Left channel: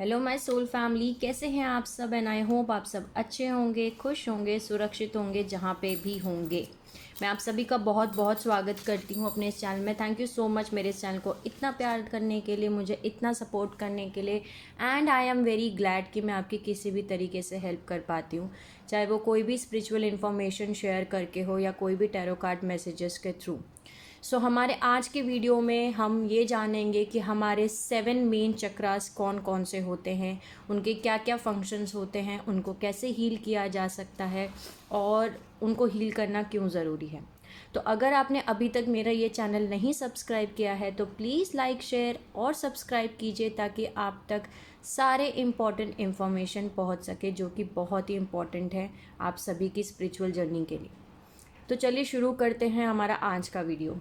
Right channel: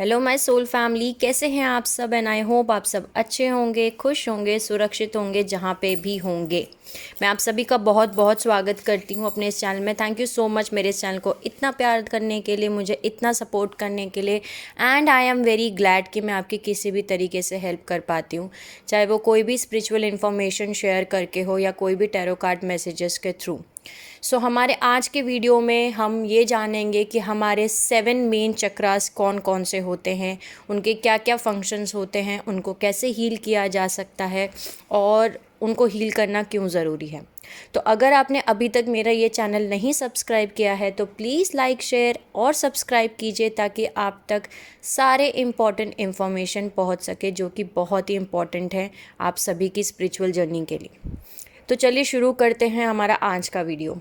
Hello my soul family, कैसे हैं आप सब? एंड आई होप आप सब अच्छे होंगे, खुश होंगे, सुरक्षित होंगे जहाँ पे भी होंगे। मैं आप सभी का बहुत बहुत स्वागत करती हूँ अपने इस चैनल में। थैंक यू सो मच मेरे इस चैनल को इतना प्यार करने के लिए, मुझे इतना सपोर्ट करने के लिए। And I am very glad कि मैं आपकी किसी भी तरीके से हेल्प कर पाती हूँ, चाहे वो कोई भी स्पिरिचुअल इन्फॉर्मेशन शेयर करके हो या कोई भी टैरो कार्ड मैसेजेस के थ्रू। हमारे आज के वीडियो में हम ये जानेंगे कि हमारे 7 मेन चक्रास कौन कौन से होते हैं, उनके क्या क्या फंक्शंस होते हैं, उनको कैसे हील किया जा सकता है और उनको हील करना क्यों ज़रूरी है। तो अगर आपने अभी तक मेरा ये चैनल नहीं सब्सक्राइब किया है तो प्लीज़ लाइक, शेयर और सब्सक्राइब कीजिए ताकि आप तक सारे इम्पॉर्टेंट इन्फॉर्मेशन पहुंच सके, जो कि बहुत ही इम्पॉर्टेंट है आप सभी की स्पिरिचुअल जर्नी के लिए। तो चलिए शुरू करते हैं हमारा आज का वीडियो।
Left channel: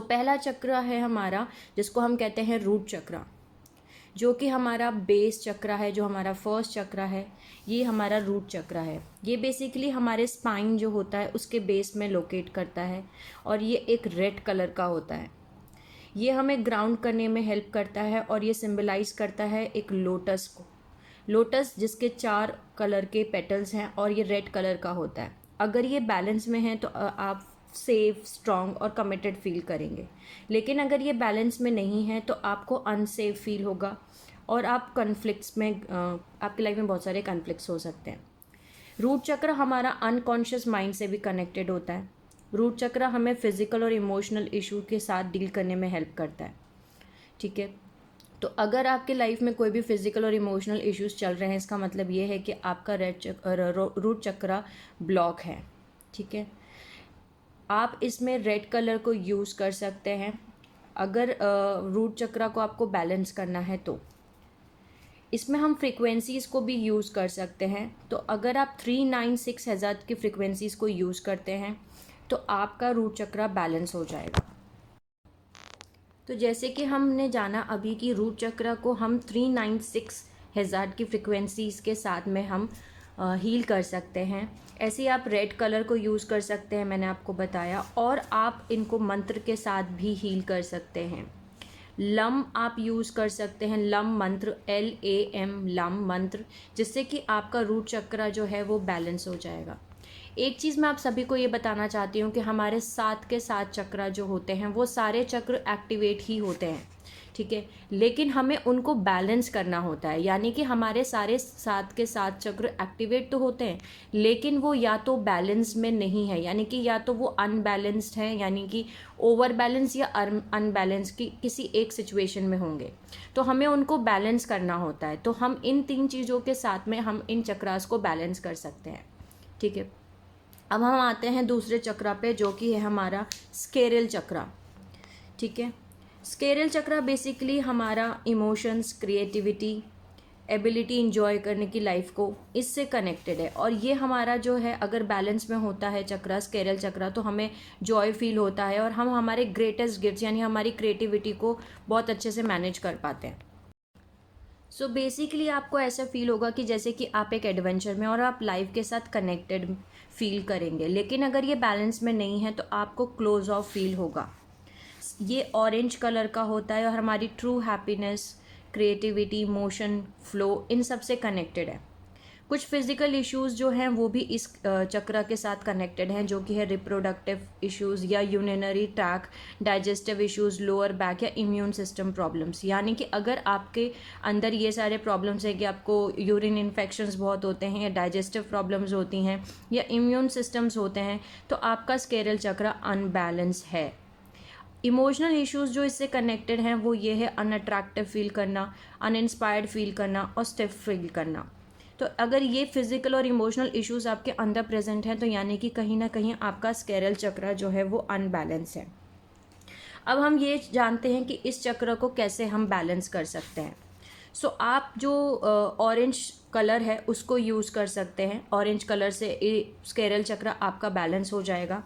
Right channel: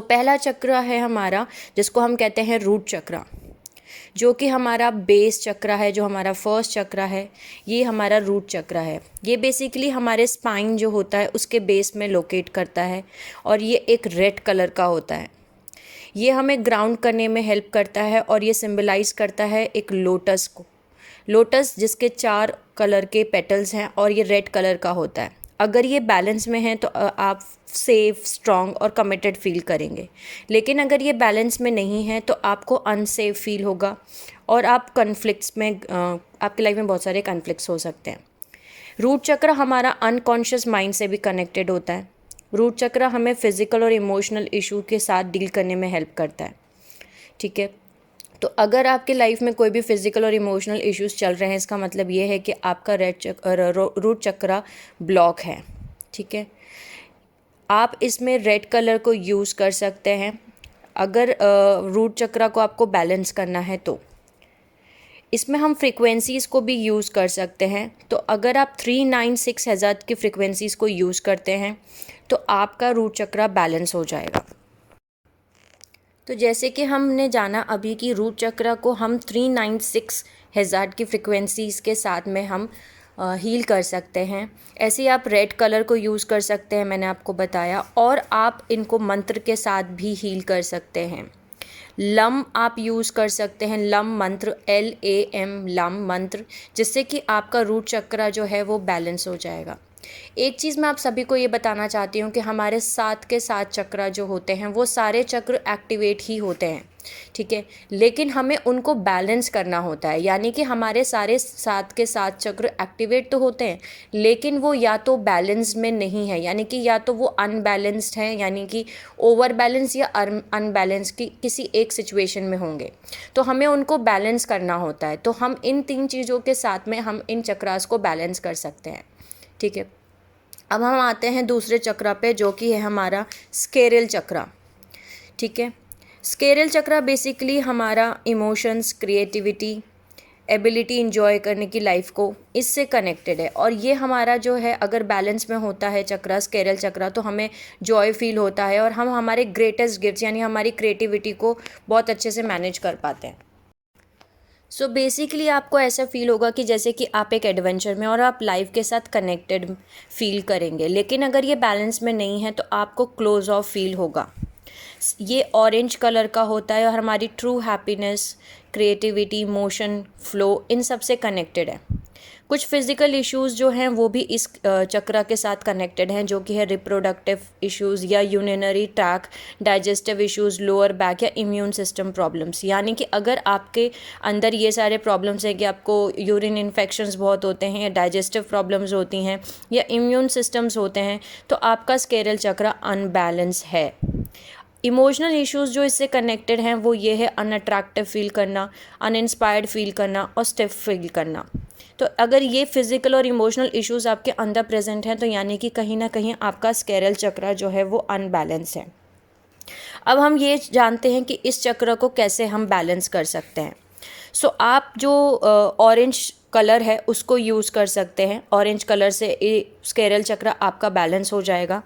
पहला चक्र है हमारा, जिसको हम कहते हैं रूट चक्र, जो कि हमारा बेस चक्र है, जो हमारा फर्स्ट चक्र है। ये हमारा रूट चक्र है। ये बेसिकली हमारे स्पाइन जो होता है उसके बेस में लोकेट करता है और ये एक रेड कलर का होता है। ये हमें ग्राउंड करने में हेल्प करता है और ये सिंबलाइज करता है एक लोटस को। लोटस जिसके 4 कलर के पेटल्स हैं और ये रेड कलर का होता है। अगर ये बैलेंस में है तो आप सेफ, स्ट्रॉन्ग और कमिटेड फील करेंगे। लेकिन अगर ये बैलेंस में नहीं है तो आपको अनसेफ फील होगा और आप कन्फ्लिक्ट्स में आपकी लाइफ में बहुत सारे कन्फ्लिक्ट्स हो सकते हैं। रूट चक्र हमारा अनकॉन्शियस माइंड से भी कनेक्टेड होता है। रूट चक्र हमें फिजिकल और इमोशनल इशू के साथ डील करने में हेल्प करता है। ठीक है, तो अगर आपकी लाइफ में कोई भी फिजिकल और इमोशनल इश्यूज चल रहे हैं, इसका मतलब ये है कि आपका रूट चक्र ब्लॉक है। ठीक है, आप इसमें रेड कलर को यूज़ कर सकते हैं अगर रूट चक्र को आपको बैलेंस करना है तो। इसमें हम फ्रीक्वेंसीज़ को भी यूज़ कर सकते हैं। तो अगर आप 396 हज़ार की फ्रीक्वेंसीज़ को यूज़ करते हैं तो आपका रूट चक्र बैलेंस हो जाएगा। तो जैसे कि हमने जाना अभी कि रूट चक्र को हम 396 हज़ार की फ्रिक्वेंसीज़ के साथ में हम हील कर सकते हैं। ऐसे ही आप रेड कलर को यूज़ कर सकते हैं, मैंने आपको बताया। और आप इनको मंत्र के साथ भी हील कर सकते हैं। लम आप यूज़ कर सकते हैं, लम मंत्र, LAM, लम मंत्र, जिससे कि आपका रूट चक्र जो है वो बैलेंस हो जाएगा। एक चीज़ मैं आप सभी को ये बताना चाहती हूँ कि हमारे 7 के 7 चक्र जो होते हैं वो सारे चक्र एक्टिवेट ही होते हैं। ठीक है, लेकिन हमें उनको बैलेंस करना होता है। यानी कि हमारे सारे 7 के 7 चक्र एक्टिवेट तो होते हैं, लेकिन वो या तो बैलेंस में नहीं है, यानी कि या तो वो अनबैलेंस्ड हैं, यानी कि ओवर बैलेंस या अनबैलेंस की किसी एक सिचुएशन में होंगे। तो हमें उनको बैलेंस करना होता है। तो हम इन 3 चीज़ों के साथ में हम इन चक्रास को बैलेंस कर सकते हैं। ठीक है, अब हम आते हैं दूसरे चक्र पे, जो कि है हमारा स्केरल चक्र। ठीक है, स्केरल चक्र बेसिकली हमारा इमोशंस, क्रिएटिविटी, एबिलिटी इंजॉय करने की लाइफ को इससे कनेक्टेड है। और ये हमारा जो है, अगर बैलेंस में होता है चक्र, स्केरल चक्र, तो हमें जॉय फील होता है और हम हमारे ग्रेटेस्ट गिफ्ट्स यानी हमारी क्रिएटिविटी को बहुत अच्छे से मैनेज कर पाते हैं। बेसिकली आपको ऐसा फील होगा कि जैसे कि आप एक एडवेंचर में और आप लाइफ के साथ कनेक्टेड फील करेंगे। लेकिन अगर ये बैलेंस में नहीं है तो आपको क्लोज ऑफ फील होगा। ये ऑरेंज कलर का होता है और हमारी true happiness, creativity, emotion, flow, इन सब से कनेक्टेड है। कुछ फिज़िकल इश्यूज़ जो हैं वो भी इस चक्र के साथ कनेक्टेड हैं, जो कि है रिप्रोडक्टिव इश्यूज़ या urinary track, digestive issues, lower back या इम्यून सिस्टम प्रॉब्लम्स। यानी कि अगर आपके अंदर ये सारे प्रॉब्लम्स हैं कि आपको यूरिन इन्फेक्शंस बहुत होते हैं या डाइजेस्टिव प्रॉब्लम्स होती हैं या इम्यून सिस्टम्स होते हैं, तो आपका स्केरल चक्र अनबैलेंस है। इमोशनल इश्यूज़ जो इससे कनेक्टेड हैं वो ये है अनअट्रैक्टिव फील करना, अनइंस्पायर्ड फील करना और स्टिफ फील करना। तो अगर ये फिज़िकल और इमोशनल इश्यूज़ आपके अंदर प्रेजेंट हैं तो यानी कि कहीं ना कहीं आपका स्केरल चक्र जो है वो अनबैलेंस है। अब हम ये जानते हैं कि इस चक्र को कैसे हम बैलेंस कर सकते हैं। आप जो ऑरेंज कलर है उसको यूज़ कर सकते हैं। ऑरेंज कलर से स्केरल चक्र आपका बैलेंस हो जाएगा।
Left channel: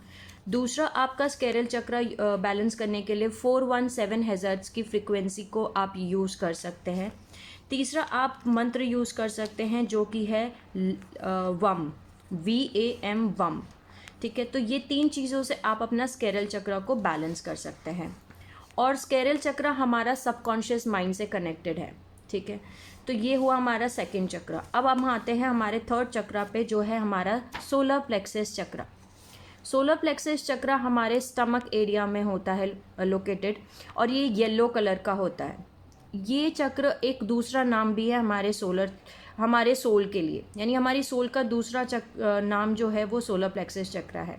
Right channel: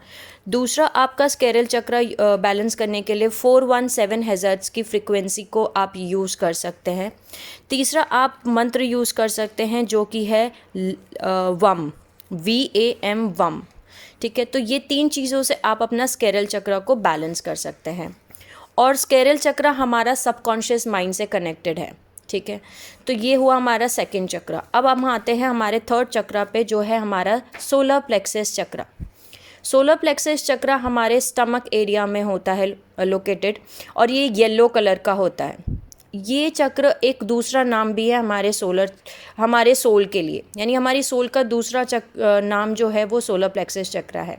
दूसरा, आपका स्केरल चक्र बैलेंस करने के लिए 417 हर्ट्ज़ की फ्रीक्वेंसी को आप यूज़ कर सकते हैं। तीसरा, आप मंत्र यूज़ कर सकते हैं जो कि है वम, VAM, वम। ठीक है, तो ये 3 चीज़ों से आप अपना स्केरल चक्र को बैलेंस कर सकते हैं। और स्केरल चक्र हमारा सबकॉन्शियस माइंड से कनेक्टेड है। ठीक है। तो ये हुआ हमारा सेकंड चक्र। अब हम आते हैं हमारे थर्ड चक्र पे, जो है हमारा सोलर प्लेक्सस चक्र। सोलर प्लेक्सस चक्र हमारे स्टमक एरिया में होता है लोकेटेड, और ये येलो कलर का होता है। ये चक्र एक दूसरा नाम भी है हमारे सोल के लिए, यानी हमारी सोल का दूसरा नाम जो है वो सोलर प्लेक्सस चक्र है।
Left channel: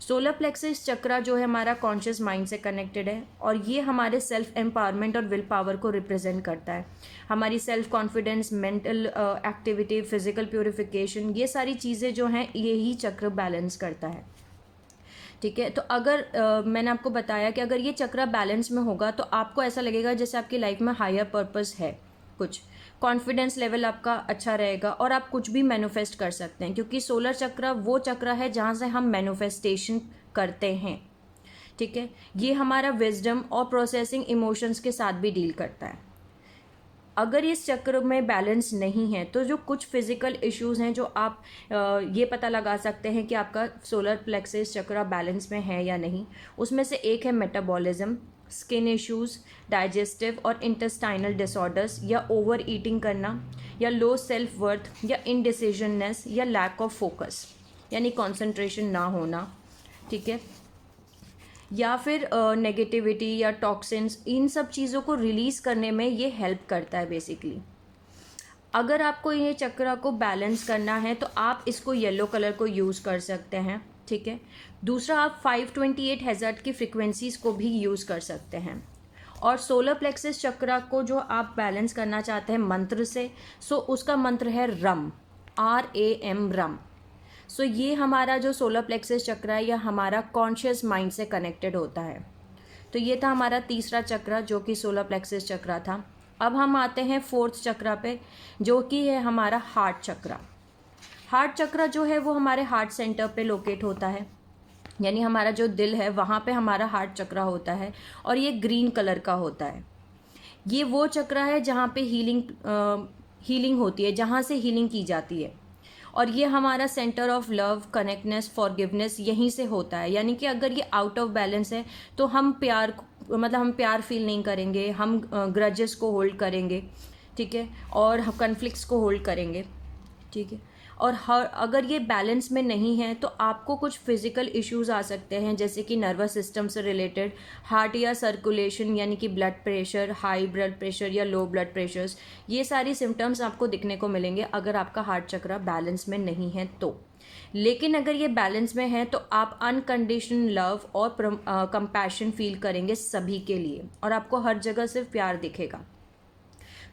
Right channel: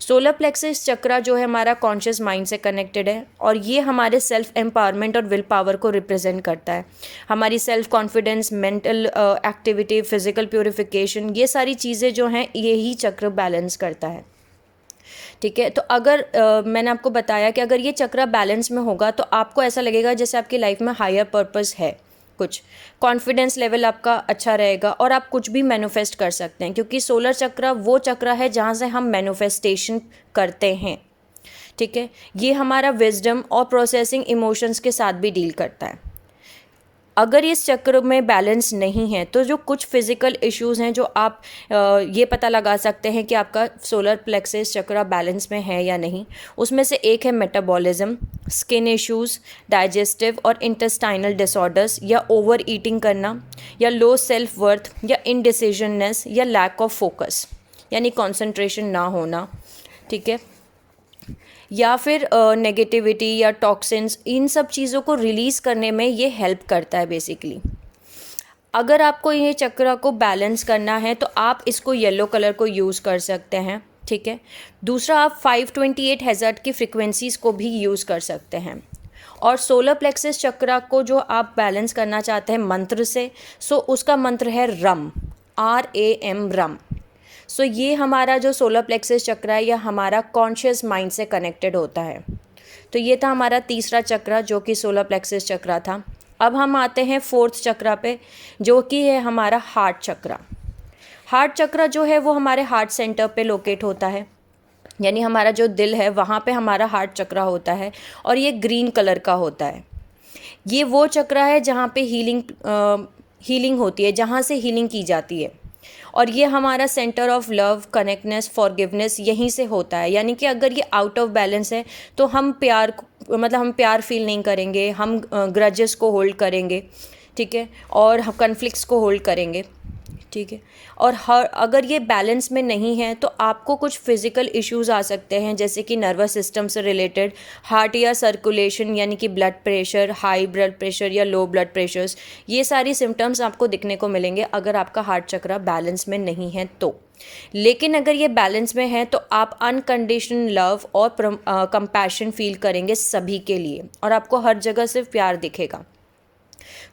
सोलर प्लेक्सस चक्र जो है हमारा कॉन्शियस माइंड से कनेक्टेड है, और ये हमारे सेल्फ एम्पावरमेंट और विल पावर को रिप्रेजेंट करता है। हमारी self confidence, mental activity, physical purification, ये सारी चीज़ें जो हैं यही चक्र बैलेंस करता है। ठीक है। तो अगर मैंने आपको बताया कि अगर ये चक्र बैलेंस में होगा तो आपको ऐसा लगेगा जैसे आपकी लाइफ में हायर पर्पस है, कुछ कॉन्फिडेंस लेवल आपका अच्छा रहेगा, और आप कुछ भी मैनिफेस्ट कर सकते हैं, क्योंकि सोलर चक्र वो चक्र है जहाँ से हम मैनिफेस्टेशन करते हैं। ठीक है। ये हमारा विजडम और प्रोसेसिंग इमोशंस के साथ भी डील करता है। अगर इस चक्र में बैलेंस नहीं है तो जो कुछ फिजिकल इश्यूज हैं जो आप ये पता लगा सकते हैं कि आपका सोलर प्लेक्सस चक्र बैलेंस में है या नहीं, उसमें से एक है मेटाबॉलिज्म, स्किन इश्यूज, डाइजेस्टिव और इंटेस्टाइनल डिसऑर्डर्स, या ओवर ईटिंग करना, या लो सेल्फ वर्थ, या इनडिसीजननेस, या लैक ऑफ फोकस, यानी कॉन्सेंट्रेशन ना होना। ठीक है। या फिर नेगेटिविटी या टॉक्सिन्स, इन सब चीज़ों को रिलीज़ करने में ये हेल्प करता है बेसिकली। अगर आपको ये चक्र को बैलेंस करना है तो आप इसको येलो कलर को यूज़ कर सकते हैं। ठीक है। दूसरा, आप 528 हर्ट्ज़ की फ्रिक्वेंसीज़ को भी यूज़ कर सकते हैं। और सोलर प्लेक्सस चक्र को जो आप बैलेंस करना चाहते हैं मंत्र से, सो उसका मंत्र है रम, RAM, रम। सो ये हमारा जो सोलर प्लेक्सस चक्र है यह हमारा कॉन्शियस माइंड से कनेक्टेड होता है। तो ये था हमारा तीसरा चक्र जो कि सोलर प्लेक्सस चक्र था। अब हम आते हैं फोर्थ चक्र पे, जो कि है हमारा हार्ट चक्र। हार्ट चक्र जो है वो हमारे हार्ट सेंटर पे लोकेट होता है, यानी हमारा जो दिल है वहाँ पे हमारा हार्ट चक्र होता है, और ये ग्रीन कलर का होता है। ये वो चक्र है जहाँ पे हीलिंग होती है, जहाँ से हीलिंग की जाती है, और ये हमारा सेंटर ऑफ लव, कनेक्टनेस, फॉरगिवनेस यहीं से होता है। यानी कि अगर ये आउट ऑफ बैलेंस है तो हम प्यार फील नहीं करेंगे, हम ग्रजेस को होल्ड करेंगे। ठीक है। और हम कन्फ्लिक्ट्स को होल्ड करेंगे। ठीक है। और अगर ये बैलेंस में नहीं है तो आपको कुछ फिजिकल इश्यूज आ सकते हैं, जैसे कि नर्वस सिस्टम से रिलेटेड, हार्ट या सर्कुलेशन, यानी कि blood pressure, high blood pressure या लो ब्लड प्रेशर्स, ये सारी सिम्टम्स आपको दिखने को मिलेंगे अगर आपका हार्ट चक्र बैलेंस में नहीं है तो। लेकिन अगर ये बैलेंस में है तो आप अनकंडीशनल लव और कंपैशन फील करेंगे सभी के लिए, और आपको हर जगह सिर्फ प्यार दिखेगा।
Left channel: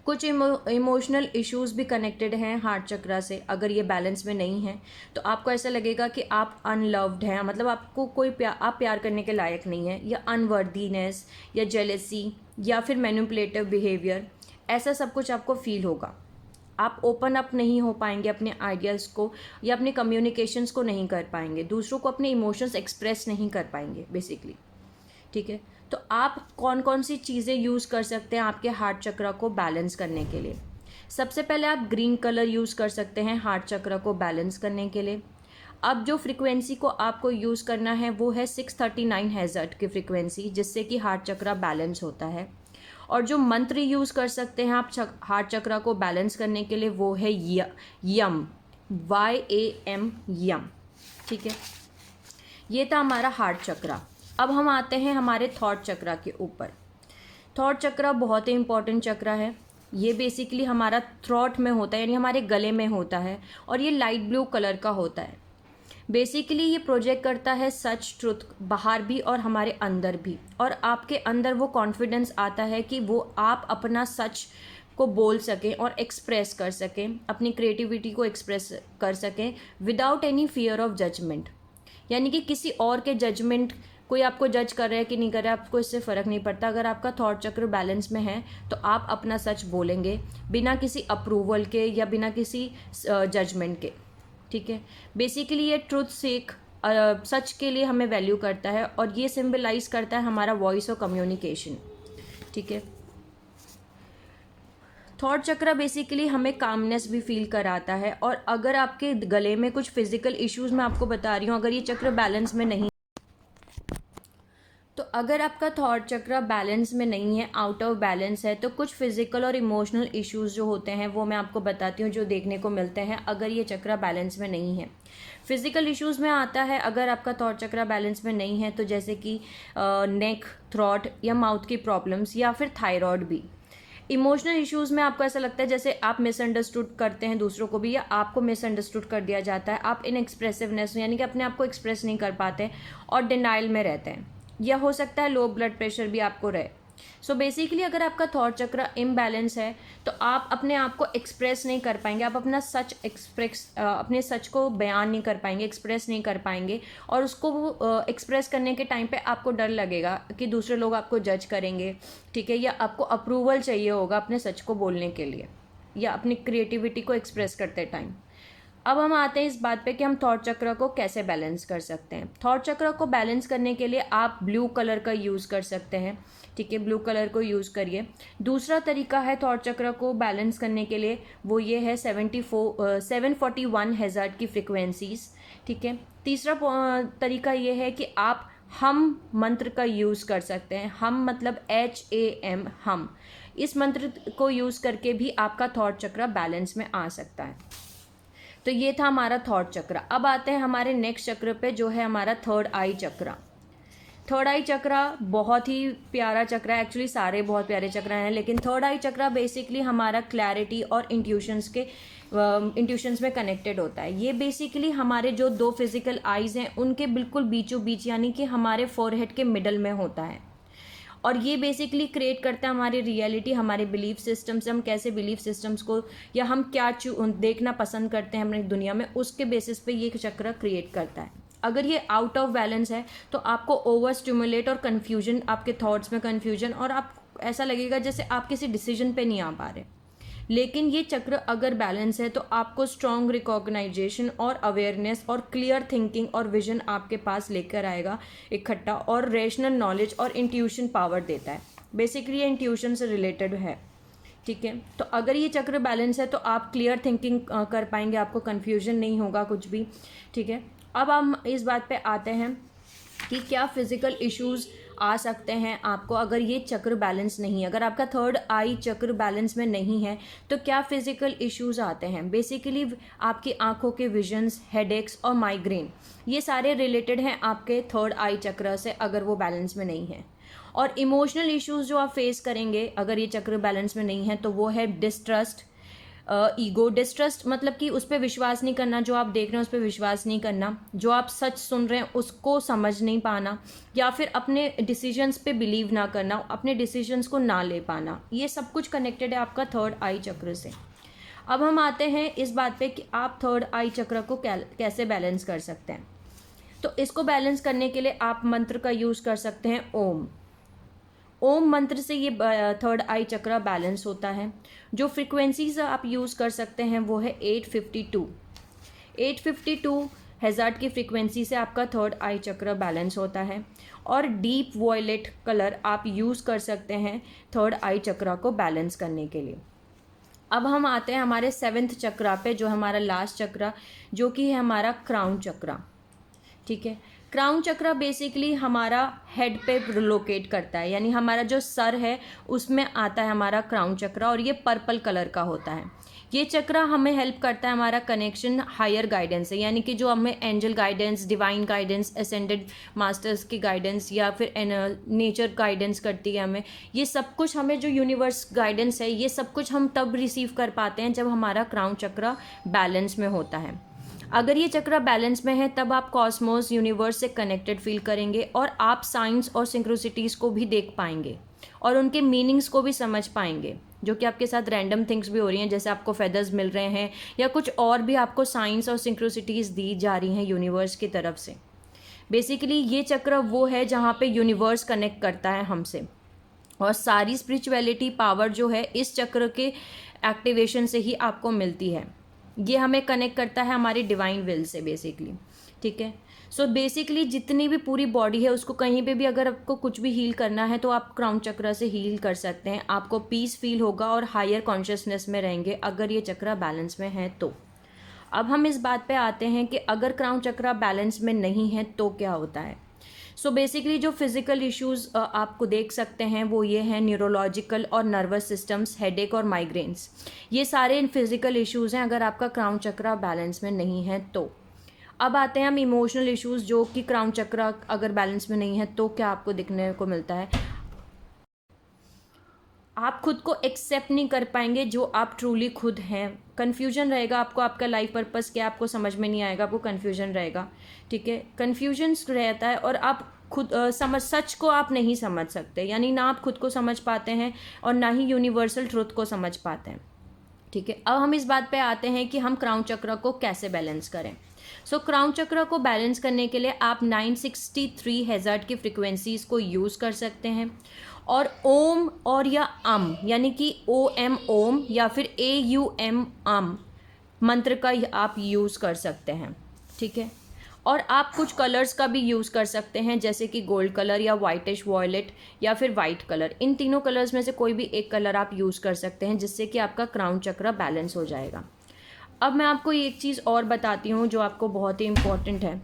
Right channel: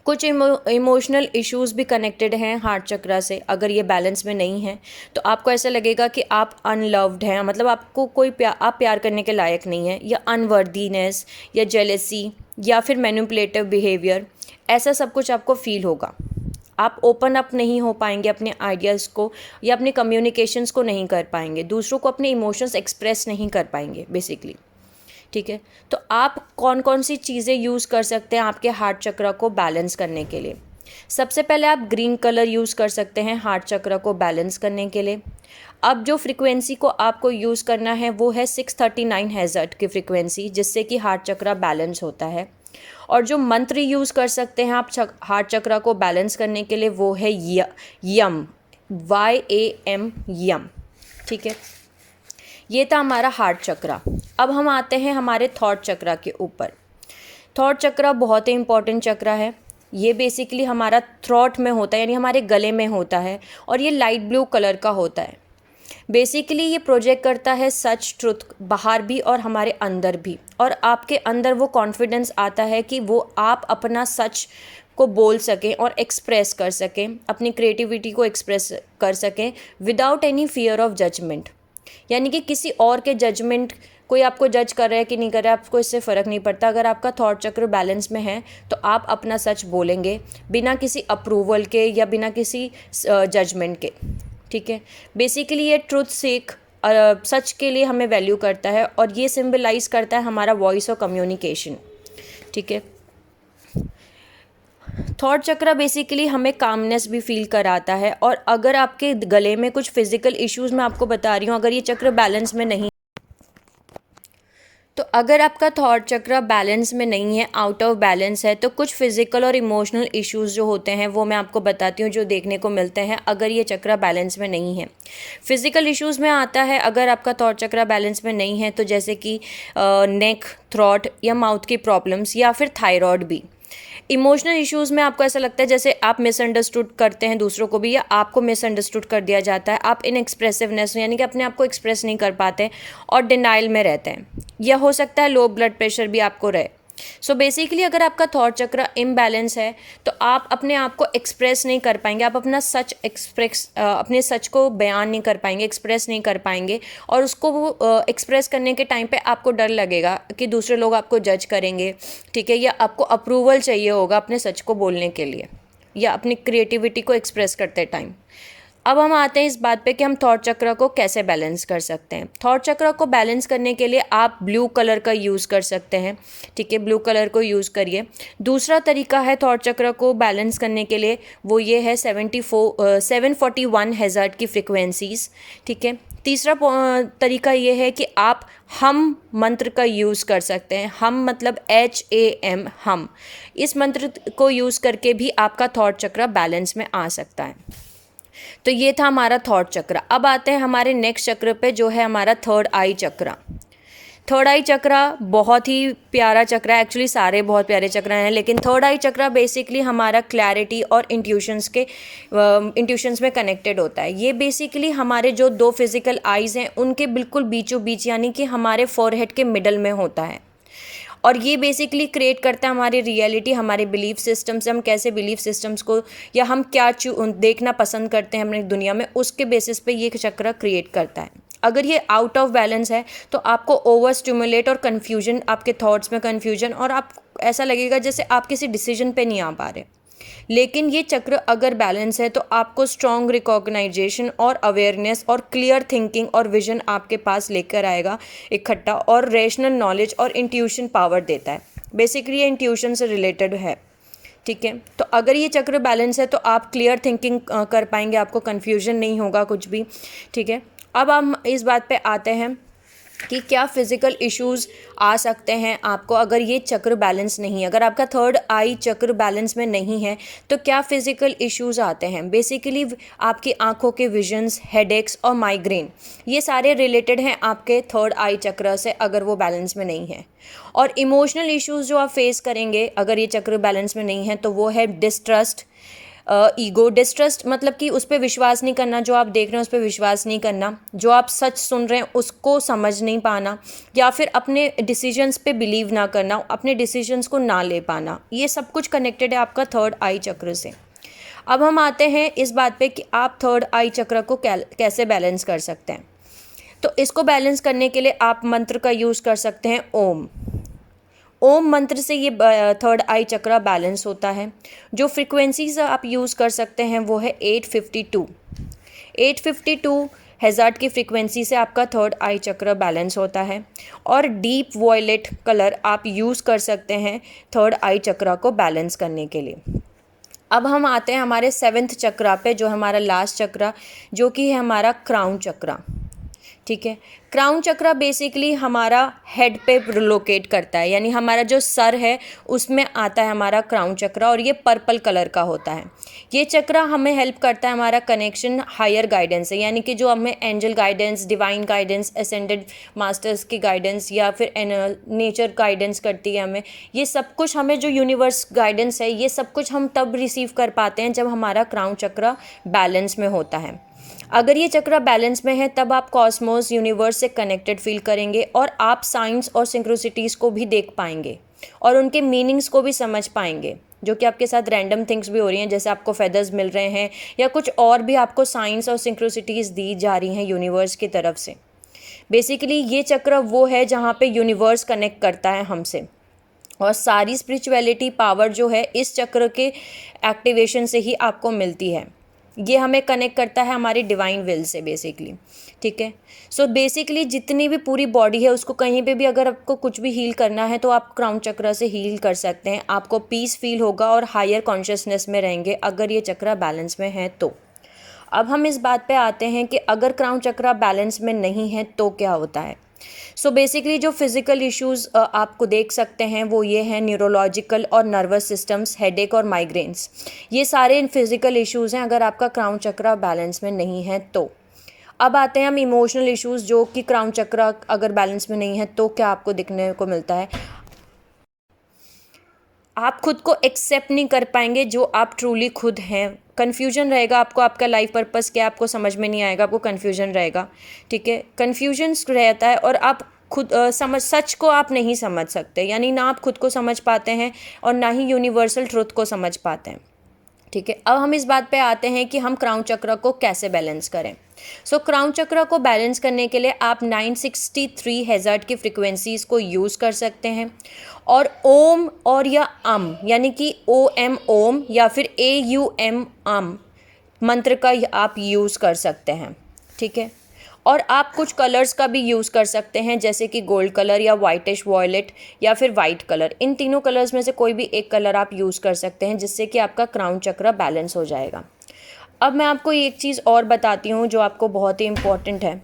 कुछ इमोशनल इश्यूज भी कनेक्टेड हैं हार्ट चक्र से। अगर ये बैलेंस में नहीं है तो आपको ऐसा लगेगा कि आप अनलव्ड हैं, मतलब आपको आप प्यार करने के लायक नहीं हैं, या अनवर्दीनेस, या जेलेसी, या फिर मैनिपुलेटिव बिहेवियर, ऐसा सब कुछ आपको फील होगा। आप ओपन अप नहीं हो पाएंगे अपने आइडियाज़ को, या अपने कम्युनिकेशंस को नहीं कर पाएंगे, दूसरों को अपने इमोशंस एक्सप्रेस नहीं कर पाएंगे बेसिकली। ठीक है। तो आप कौन कौन सी चीज़ें यूज़ कर सकते हैं आपके हार्ट चक्र को बैलेंस करने के लिए? सबसे पहले आप ग्रीन कलर यूज़ कर सकते हैं हार्ट चक्र को बैलेंस करने के लिए। अब जो फ्रिक्वेंसी को आपको यूज़ करना है वो है 639 हर्ट्ज़ की फ्रिक्वेंसी, जिससे कि हार्ट चक्र बैलेंस होता है। और जो मंत्र यूज़ कर सकते हैं आप हार्ट चक्र को बैलेंस करने के लिए वो है यम, YAM, यम। ठीक है। ये था हमारा हार्ट चक्र। अब हम आते हैं हमारे थॉट चक्र के ऊपर। थॉट चक्र बहुत ही इंपॉर्टेंट चक्र है। ये बेसिकली हमारा थ्रोट में होता है, यानी हमारे गले में होता है, और ये लाइट ब्लू कलर का होता है। बेसिकली ये प्रोजेक्ट करता है सच, ट्रुथ, बाहर भी और हमारे अंदर भी, और आपके अंदर वो कॉन्फिडेंस आता है कि वो आप अपना सच को बोल सकें और एक्सप्रेस कर सकें, अपनी क्रिएटिविटी को एक्सप्रेस कर सकें without any fear of judgement. यानी कि किसी और के जजमेंट, कोई आपको जज कर रहा है कि नहीं कर रहा है, आपको इससे फ़र्क नहीं पड़ता। अगर आपका थॉट चक्र बैलेंस में है तो आप अपना सच बोलेंगे बिना किसी अप्रूवल के या बिना किसी जजमेंट के। ठीक है। बेसिकली ये ट्रुथ सीक, सच के लिए हमें वैल्यू करता है, और ये सिंबलाइज करता है हमारा वॉइस और कम्युनिकेशन। ठीक है। थॉट चक्र बेसिकली हमें कामनेस भी फील कराता है, और अगर आपके गले में कुछ फिजिकल इश्यूज मैं आपको बता रही हूँ, अगर ये चक्र बैलेंस में नहीं तो अगर आपका थॉट चक्र बैलेंस में नहीं है, आउट ऑफ बैलेंस है, तो कुछ फिजिकल और इमोशनल इश्यूज जो होते हैं वो मैं आपको बताती हूँ, जो देखने को मिलते हैं अगर ये चक्र बैलेंस में नहीं है। फिजिकल इश्यूज में आता है अगर आपका थॉट चक्र बैलेंस में नहीं है, तो जैसे कि नेक, थ्रॉट या माउथ की प्रॉब्लम्स या फिर थायराइड भी। इमोशनल इश्यूज़ में आपको ऐसा लगता है जैसे आप मिसअंडरस्टूड करते हैं दूसरों को भी, या आपको मिसअंडरस्टूड कर दिया जाता है, आप इनएक्सप्रेसिवनेस यानी कि अपने आप को एक्सप्रेस नहीं कर पाते और डिनाइल में रहते हैं, या हो सकता है लो ब्लड प्रेशर भी आपको रहे। सो बेसिकली अगर आपका थॉट चक्र इम्बैलेंस है तो आप अपने आप को एक्सप्रेस नहीं कर पाएंगे, आप अपना सच अपने सच को बयान नहीं कर पाएंगे, एक्सप्रेस नहीं कर पाएंगे, और उसको वो एक्सप्रेस करने के टाइम पे आपको डर लगेगा कि दूसरे लोग आपको जज करेंगे, ठीक है, या आपको अप्रूवल चाहिए होगा अपने सच को बोलने के लिए या अपनी क्रिएटिविटी को एक्सप्रेस करते टाइम। अब हम आते हैं इस बात पे कि हम थॉट चक्र को कैसे बैलेंस कर सकते हैं। थॉट चक्र को बैलेंस करने के लिए आप ब्लू कलर का यूज़ कर सकते हैं, ठीक है, ब्लू कलर को यूज़ करिए। दूसरा तरीका है थॉट चक्र को बैलेंस करने के लिए, वो ये है 741 हज़ार्ड की फ्रिक्वेंसीज़, ठीक है। तीसरा तरीका ये है कि आप हम मंत्र का यूज़ कर सकते हैं। हम मतलब HAM, हम। इस मंत्र को यूज़ करके भी आपका थॉट चक्र बैलेंस में आ सकता है। तो ये था हमारा थॉट चक्र। अब आते हैं हमारे नेक्स्ट चक्र पे, जो है हमारा थर्ड आई चक्र। थर्ड आई चक्र बहुत ही प्यारा चक्र है, एक्चुअली सारे बहुत प्यारे चक्र हैं, लेकिन थर्ड आई चक्र बेसिकली हमारा क्लैरिटी और इंट्यूशंस में कनेक्टेड होता है। ये बेसिकली हमारे जो दो फिजिकल आइज़ हैं उनके बिल्कुल बीचों बीच, यानी कि हमारे फोरहेड के मिडल में होता है, और ये बेसिकली क्रिएट करता है हमारी रियलिटी, हमारे बिलीफ सिस्टम से, हम कैसे बिलीफ सिस्टम्स को या हम क्या देखना पसंद करते हैं अपनी दुनिया में, उसके बेसिस पे ये चक्र क्रिएट करता है। अगर ये आउट ऑफ बैलेंस है तो आपको ओवर स्टिमुलेट और कन्फ्यूजन, आपके थॉट्स में कन्फ्यूजन, और आप ऐसा लगेगा जैसे आप किसी डिसीजन पे नहीं आ पा रहे। लेकिन ये चक्र अगर बैलेंस है तो आपको स्ट्रॉन्ग रिकॉग्नाइजेशन और अवेयरनेस और क्लियर थिंकिंग और विजन आपके पास लेकर आएगा इकट्ठा, और रेशनल नॉलेज और इंट्यूशन पावर देता है। बेसिकली ये इंट्यूशन से रिलेटेड है, ठीक है। तो अगर ये चक्र बैलेंस है तो आप क्लियर थिंकिंग कर पाएंगे, आपको कन्फ्यूजन नहीं होगा कुछ भी, ठीक है। अब हम इस बात पे आते हैं कि क्या फिज़िकल इश्यूज़ आ सकते हैं आपको अगर ये चक्र बैलेंस नहीं है। अगर आपका थर्ड आई चक्र बैलेंस में नहीं है तो क्या फिज़िकल इश्यूज़ आते हैं। बेसिकली आपकी आंखों के विजन्स, हेडेक्स और माइग्रेन, ये सारे रिलेटेड हैं आपके थर्ड आई चक्र से अगर वो बैलेंस में नहीं है। और इमोशनल इश्यूज़ जो आप फेस करेंगे अगर ये चक्र बैलेंस में नहीं है तो वो है डिस्ट्रस्ट, ईगो। डिस्ट्रस्ट मतलब कि उस पर विश्वास नहीं करना, जो आप देख रहे हैं उस पर विश्वास नहीं करना, जो आप सच सुन रहे हैं उसको समझ नहीं पाना, या फिर अपने डिसीजंस पे बिलीव ना करना, अपने डिसीजंस को ना ले पाना। ये सब कुछ कनेक्टेड है आपका थर्ड आई चक्र से। अब हम आते हैं इस बात पे कि आप थर्ड आई चक्र को कैसे बैलेंस कर सकते हैं। तो इसको बैलेंस करने के लिए आप मंत्र का यूज़ कर सकते हैं ओम। ओम मंत्र से ये थर्ड आई चक्र बैलेंस होता है। जो फ्रिक्वेंसीज आप यूज़ कर सकते हैं वो है 852 हज़ार्ड की फ्रिक्वेंसी से आपका थर्ड आई चक्र बैलेंस होता है। और डीप वॉयलेट कलर आप यूज़ कर सकते हैं थर्ड आई चक्र को बैलेंस करने के लिए। अब हम आते हैं हमारे 7वें चक्र पे, जो हमारा लास्ट चक्र, जो कि है हमारा क्राउन चक्र, ठीक है। क्राउन चक्र बेसिकली हमारा हेड पे लोकेट करता है, यानी हमारा जो सर है उसमें आता है हमारा क्राउन चक्र, और ये पर्पल कलर का होता है। ये चक्र हमें हेल्प करता है हमारा कनेक्शन हायर गाइडेंस से, यानी कि जो हमें angel guidance, divine guidance, ascended masters की गाइडेंस या फिर नेचर गाइडेंस करती है हमें। ये सब कुछ हमें जो यूनिवर्स गाइडेंस है ये सब कुछ हम तब रिसीव कर पाते हैं जब हमारा क्राउन चक्र बैलेंस में होता है। अगर ये चक्र बैलेंस में है तब आप कॉस्मोस, यूनिवर्स से कनेक्टेड फील करेंगे, और आप साइंस और सिंक्रोसिटीज़ को भी देख पाएंगे और उनके मीनिंग्स को भी समझ पाएंगे, जो कि आपके साथ रैंडम थिंग्स भी हो रही हैं, जैसे आपको फेदर्स मिल रहे हैं या कुछ और भी आपको साइंस और सिंक्रोसिटीज़ दी जा रही हैं यूनिवर्स की तरफ से। बेसिकली ये चक्र वो है जहाँ पे यूनिवर्स कनेक्ट करता है हमसे, और सारी स्पिरिचुअलिटी पावर जो है इस चक्र के एक्टिवेशन से ही आपको मिलती है। ये हमें कनेक्ट करता है हमारी डिवाइन विल से बेसिकली, ठीक है। सो बेसिकली जितनी भी पूरी बॉडी है उसको कहीं पे भी अगर आपको कुछ भी हील करना है तो आप क्राउन चक्र से हील कर सकते हैं। आपको पीस फील होगा और हायर कॉन्शियसनेस में रहेंगे अगर ये चक्र बैलेंस में है तो। अब हम इस बात पे आते हैं कि अगर क्राउन चक्र बैलेंस में नहीं है तो क्या होता है। सो बेसिकली जो फिज़िकल इश्यूज़ आपको देख सकते हैं वो ये हैं न्यूरोलॉजिकल और नर्वस सिस्टम्स, हेडेक और माइग्रेन्स। ये सारे फिज़िकल इश्यूज़ हैं अगर आपका क्राउन चक्रा बैलेंस में नहीं है तो। अब आते हैं हम इमोशनल इश्यूज़, जो कि क्राउन चक्रा अगर बैलेंस में नहीं है तो क्या आपको दिखने को मिलता है। आप खुद को एक्सेप्ट नहीं कर पाएंगे जो आप ट्रूली खुद हैं। कन्फ्यूजन रहेगा आपको, आपका लाइफ पर्पस क्या आपको समझ में नहीं आएगा, आपको कन्फ्यूजन रहेगा, ठीक है। कन्फ्यूजन रहता है और आप खुद सच को आप नहीं समझ सकते, यानी ना आप खुद को समझ पाते हैं और ना ही यूनिवर्सल ट्रुथ को समझ पाते हैं, ठीक है। अब हम इस बात पे आते हैं कि हम क्राउन चक्र को कैसे बैलेंस करें। क्राउन चक्र को बैलेंस करने के लिए आप 963 हेज़र्ट की फ्रिक्वेंसीज़ को यूज़ कर सकते हैं और ओम और या यानी कि OM ओम या फिर AUM मंत्र का आप यूज़ कर सकते हैं, ठीक है। और आप कुछ कलर्स का भी यूज़ कर सकते हैं, जैसे कि गोल्ड कलर या वाइटिश वॉयलेट या फिर वाइट कलर। इन तीनों कलर्स में से कोई भी एक कलर आप यूज़ कर सकते हैं, जिससे कि आपका क्राउन चक्र बैलेंस हो जाएगा। अब मैं आपको एक चीज़ और बताती हूँ जो आपको बहुत ही इम्पॉर्टेंट है।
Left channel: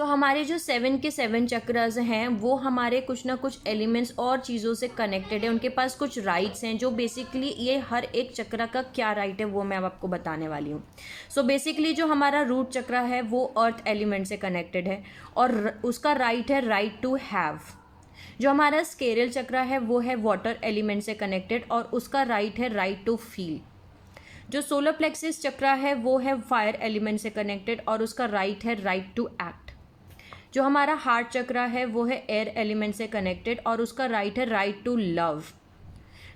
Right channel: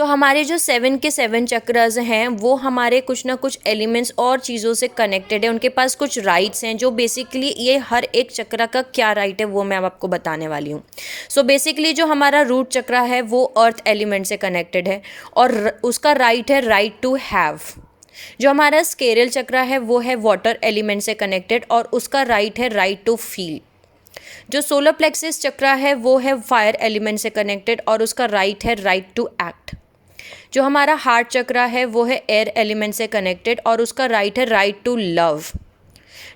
हमारे जो 7 के 7 चक्रास हैं वो हमारे कुछ ना कुछ एलिमेंट्स और चीज़ों से कनेक्टेड है, उनके पास कुछ राइट्स हैं, जो बेसिकली ये हर एक चक्रा का क्या राइट है वो मैं अब आपको बताने वाली हूँ। बेसिकली जो हमारा रूट चक्रा है वो अर्थ एलिमेंट से कनेक्टेड है और उसका राइट है राइट टू हैव। जो हमारा स्केरल चक्रा है वो है वाटर एलिमेंट से कनेक्टेड और उसका राइट है राइट टू फील। जो सोलर प्लेक्सिस चक्रा है वो है फायर एलिमेंट से कनेक्टेड और उसका राइट है राइट टू एक्ट। जो हमारा हार्ट चक्रा है वो है एयर एलिमेंट से कनेक्टेड और उसका राइट है राइट टू लव।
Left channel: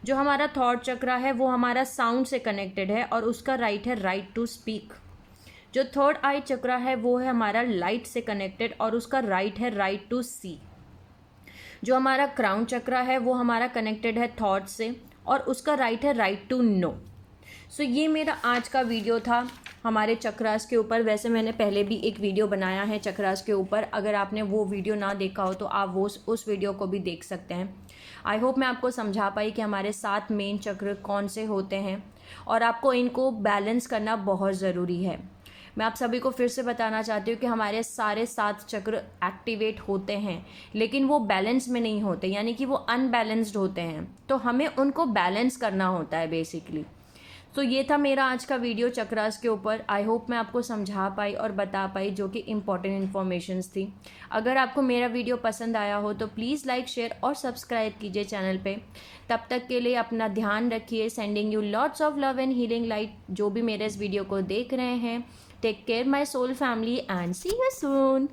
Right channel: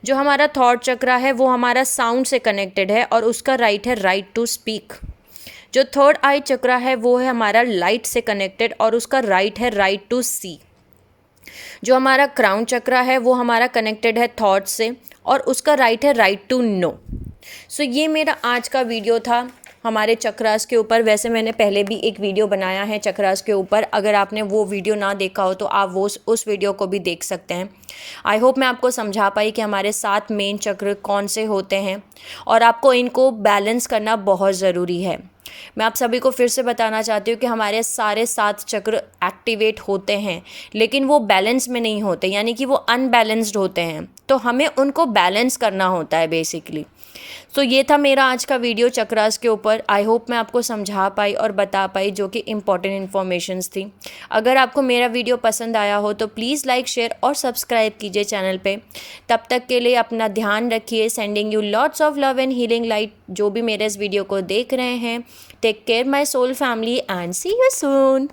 जो हमारा थॉट चक्रा है वो हमारा साउंड से कनेक्टेड है और उसका राइट है राइट टू स्पीक। जो थर्ड आई चक्रा है वो है हमारा लाइट से कनेक्टेड और उसका राइट है राइट टू सी। जो हमारा क्राउन चक्रा है वो हमारा कनेक्टेड है थॉट से और उसका राइट है राइट टू नो। ये मेरा आज का वीडियो था हमारे चक्रास के ऊपर। वैसे मैंने पहले भी एक वीडियो बनाया है चक्रास के ऊपर, अगर आपने वो वीडियो ना देखा हो तो आप वो उस वीडियो को भी देख सकते हैं। आई होप मैं आपको समझा पाई कि हमारे 7 मेन चक्र कौन से होते हैं और आपको इनको बैलेंस करना बहुत ज़रूरी है। मैं आप सभी को फिर से बताना चाहती हूँ कि हमारे सारे 7 चक्र एक्टिवेट होते हैं, लेकिन वो बैलेंस में नहीं होते, यानी कि वो अनबैलेंस्ड होते हैं, तो हमें उनको बैलेंस करना होता है बेसिकली। ये था मेरा आज का वीडियो चक्रास के ऊपर। आई होप मैं आपको समझा पाई और बता पाई जो कि इम्पॉर्टेंट इन्फॉर्मेशंस थी। अगर आपको मेरा वीडियो पसंद आया हो तो प्लीज़ लाइक, शेयर और सब्सक्राइब कीजिए चैनल पे। तब तक के लिए अपना ध्यान रखिए। Sending you lots of love and healing light. जो भी मेरे इस वीडियो को देख रहे हैं, take care my soul family and see you soon.